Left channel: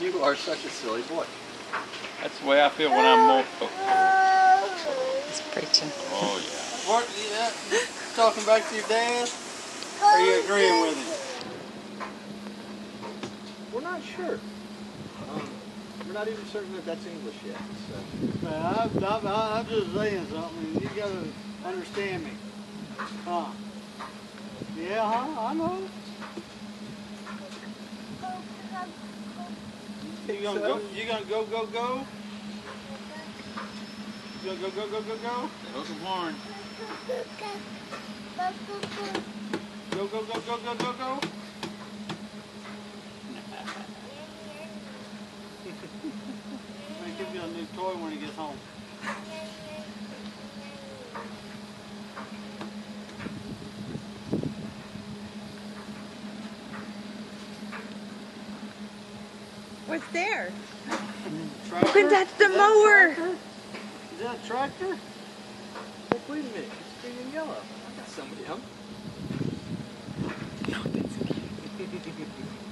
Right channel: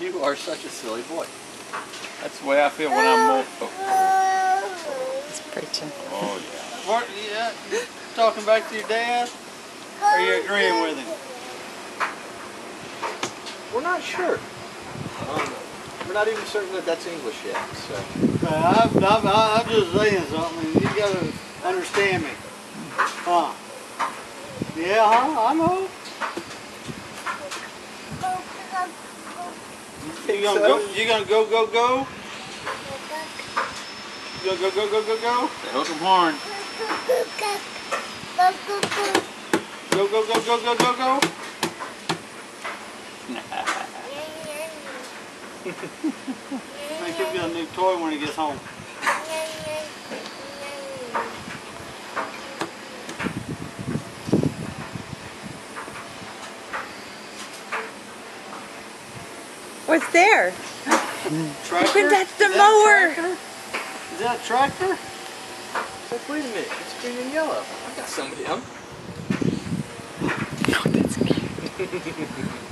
You are such a silly boy. That's the way I feel when I'm more. He's preaching. Oh yeah. What, you talking back to your dad? Or are you agreeing with him? We're not sure. We're not even certain that that's English yet. So. I'm just saying something. You gotta understand me. Huh? Yeah, huh? I know. You gonna go? You gonna go? Go? Go? Go? Go? Go? Go? Go? Go? They hook 'em horn. Go? Go? Go? Go? Go? Go? Go? I think he'll get a new toy when he gets home. What's there? Tractor? Open that's the Is mower. Is that a tractor? Look, wait a minute. It's green and yellow. I got some of them. Oh, that's cute.